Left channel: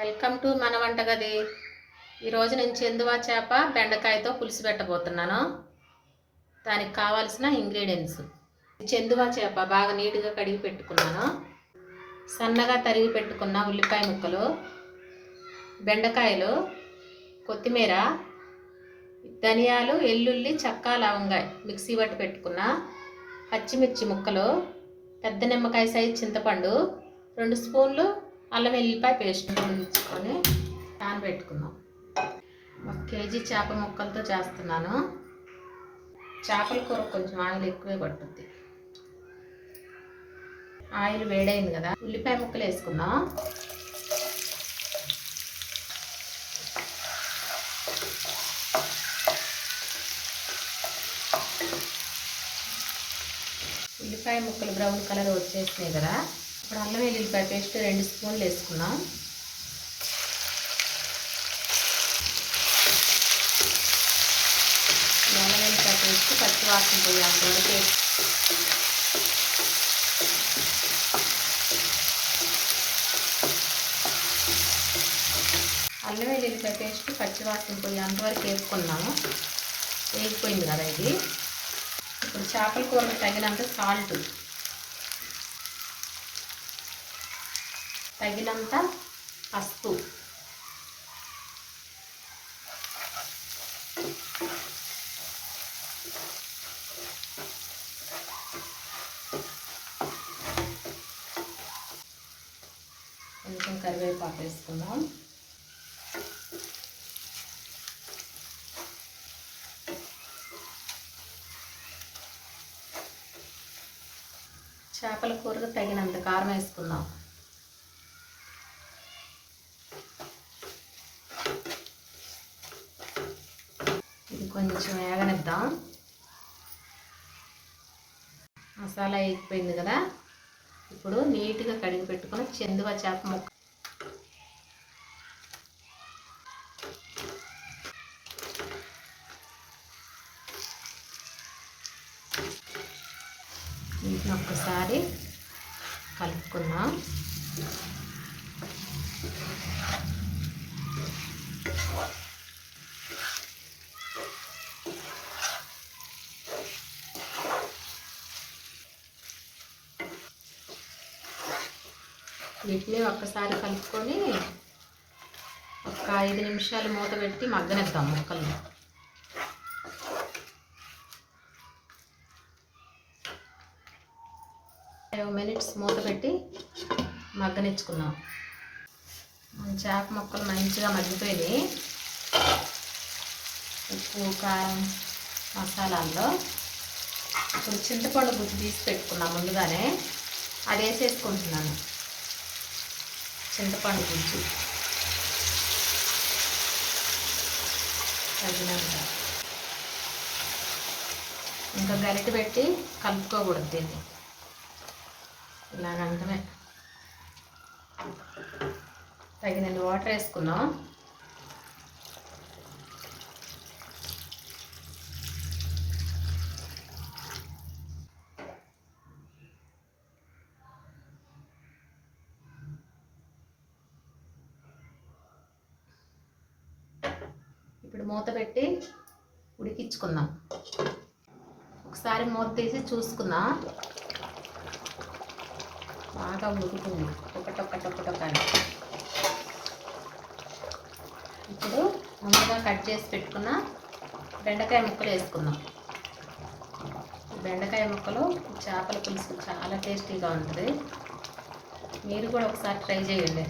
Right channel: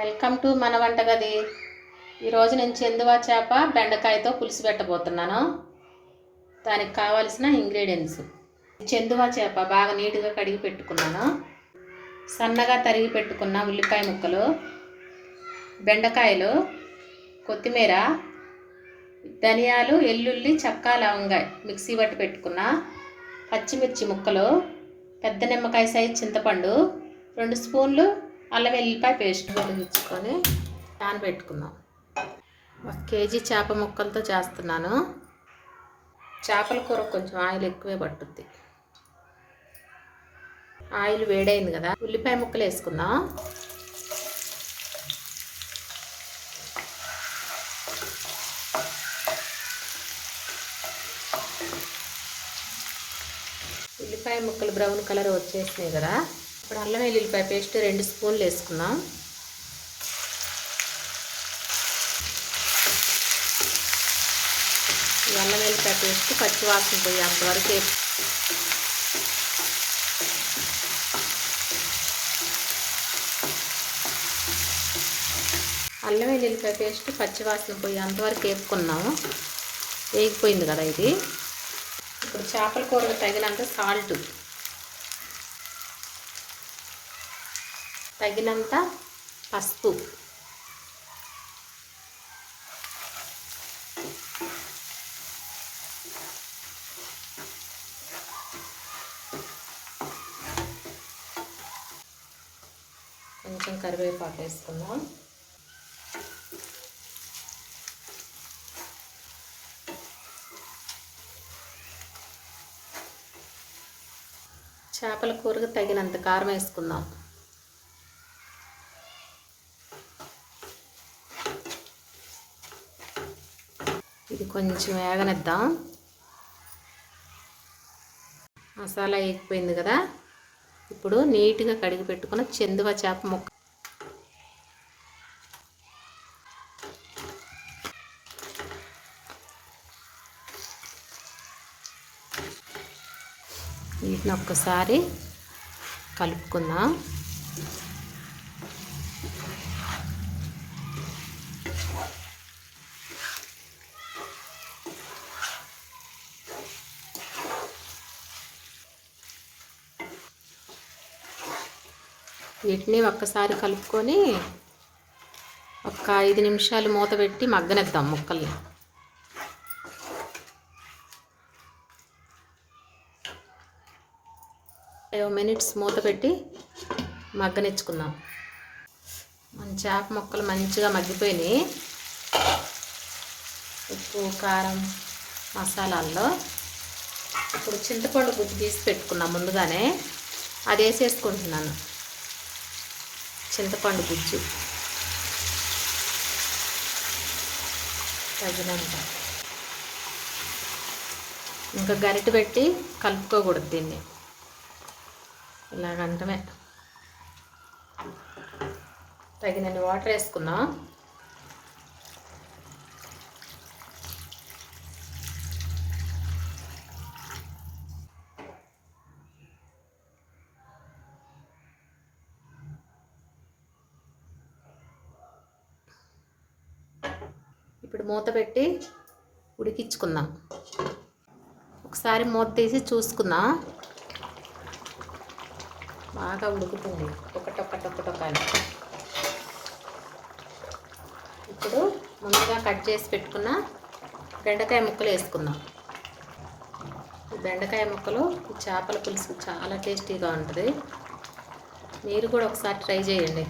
Welcome to మన వంటగది. ఈరోజు నేను చెందువా చేప బెండకాయతో పులుసు పెట్టబోతున్నాను. దానికి కావాల్సిన ఇంగ్రీడియంట్స్: చెందువా చేప బాగా నీట్గా కడిగి పెట్టుకున్నాను, సన్నగా తరిగి పెట్టుకున్న ఉల్లిపాయ ముక్కలు, బెండకాయలు, కొత్తిమీర, ధనియాలు, ఎల్లుల్లి, చెక్క, లవంగాయ మిక్సీ పట్టి పెట్టుకున్న, పచ్చిమిర్చి ముక్కలు, పెద్ద నిమ్మకాయ సైజు చింతపండు, 2 స్పూన్లు అల్లం వెల్లిపాయ పేస్ట్ తెచ్చుకొని నానబెట్టుకున్నాం. 1 కేజీ చేప ముక్కలతో చేస్తున్నాను. చేపల కూర కొంచెం ఆయిల్ ఎక్కువే పట్టుద్ది. ఆయిల్ వేడైంది కదా, ఉల్లిపాయ ముక్కలు వేసుకుందాం. ఉల్లిపాయ ముక్కలు బ్రౌన్ కలర్ వచ్చేసినాయి కదా, ఇప్పుడు అల్లం వెల్లుల్లిపాయ పేస్ట్ 2 స్పూన్లు వేసుకున్నాం. అల్లం వెల్లుల్లిపాయ పేస్ట్ పచ్చి వాసన పోయేంత వరకు అల్లం వెల్లుల్లిపాయ పేస్ట్ పచ్చి వాసన పోయేంత వరకు వేసుకున్నాము. వేగిపోయింది కదా ఇది. ఇప్పుడు చేపల కూరకు తగినంత సాల్ట్, తగినంత పసుపు, కొంచెం కరివేపాకు వేసుకుందాం. చేపల కూరకు తగినంత కారం వేసుకుందాం. ఇది కొంచెం వేగనిద్దాం. మసాలా వేగిపోయింది కదా, ఇప్పుడు నీట్గా కడిగి పెట్టుకున్న చెందువా చేప ముక్క వీటిని ఒక్కసారి కలుపుకుందాం. వీటిని ఒక్కసారి కలుపుకొని ఒక 5 నిమిషాలు మూత పెట్టి మగ్గనిద్దాం ముక్కల్ని. మినిట్స్ మూత పెట్టి మగ్గనిచ్చుకుందాం. మన చేప ముక్కలు మంచిగా మగ్గిపోయినాయి. ఉప్పు, కారం, మసాలాల్లో ఇప్పుడు చింతపండు గుజ్జు తీసి పెట్టుకున్నాం ముందుగానే, అది వేసేసుకుంటున్నాను. చింతపండు గుజ్జు తగినంత. ఇంకా గరిటె పెట్టి కలుపుకోకూడదు దీన్ని, ఇలాగంటమే. తగినన్ని వాటర్ వేసుకున్నాం. ఇప్పుడు మూత పెట్టి ఉడికించుకుందాం. ఒకసారి మూత తీసి చూసుకుందాం. బాగా ఉడుకుతుంది ఒకటొక్కటొక్కటొక్కని. ఇప్పుడు ముందుగా కట్ చేసి పెట్టుకున్న బెండకాయ ముక్కలు వేసుకుందాం. బెండకాయ ముక్కలు చేపల పులుసు చాలా టేస్టీగా ఉంటుంది. మీరు కూడా ఒకసారి ట్రై చేయండి.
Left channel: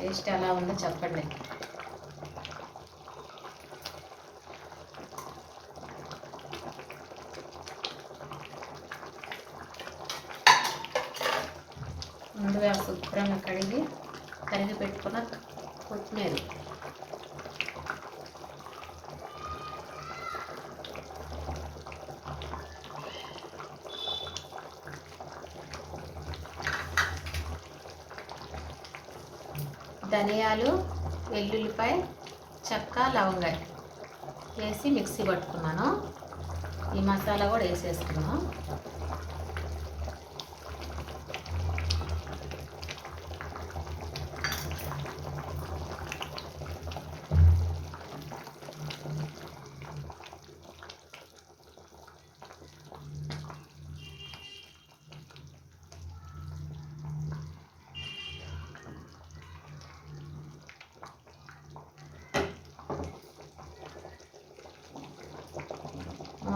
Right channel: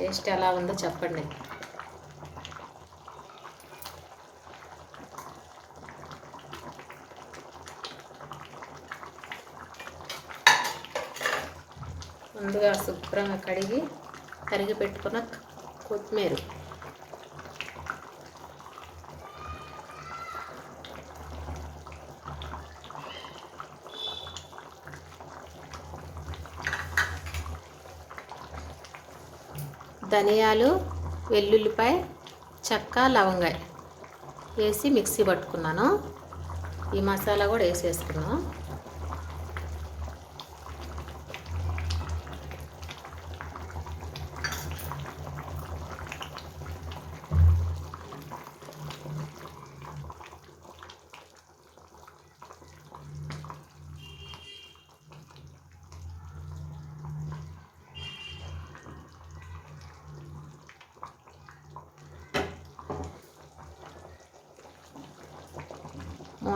టేస్ట్ ఎలా ఉందో చెప్పండి. ముందుగా శుభ్రంగా కడిగి తరిగి పెట్టుకున్న కొత్తిమీర, ధనియాలు, వెల్లుల్లిపాయ, చెక్క, లవంగాయ వేసి మిక్సీ పట్టుకున్నాను. ఈ మసాలా కూడా వేసేసుకున్నాను.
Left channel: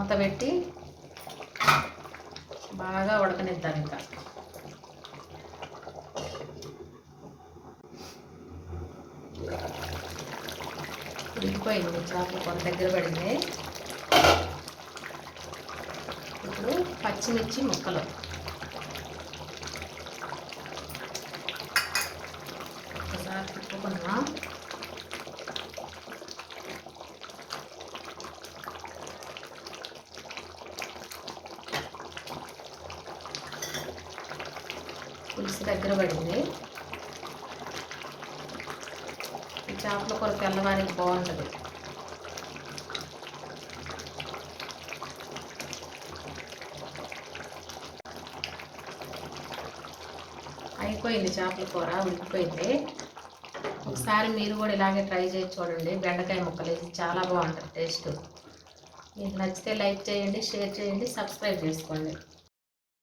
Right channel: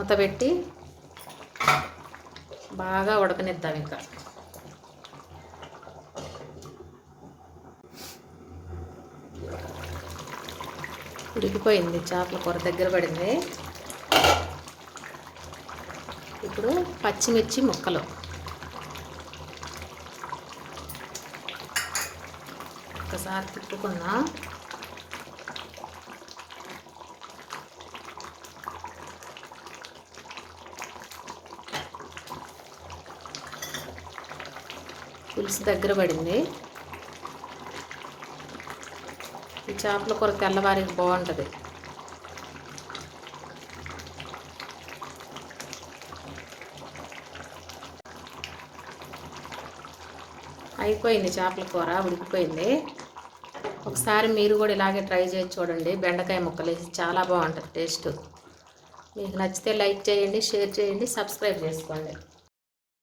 మూత పెట్టి బాగా ఉడకనిద్దాం. ఇంకా ఉడికిపోయింది, చేపల కూర దగ్గర పడింది. ఇప్పుడు పచ్చిమిర్చి ముక్కలు ఒకసారి తిప్పుకున్నా. పులుసు దగ్గర పడింది. ఈ చేపల కూర తెల్లవారికి బాగుంటుంది. అయిపోయింది, చేపల కూర ఉడికిపోయింది. ఒకసారి మీరు కూడా ఇలాగే ట్రై చేసి చూడండి. బెండకాయ ముక్కలు వేసి చాలా బాగుంటుంది టేస్ట్. మీకు నచ్చితే లైక్ చేయండి, షేర్ చేయండి, సబ్స్క్రైబ్ చేసుకోండి.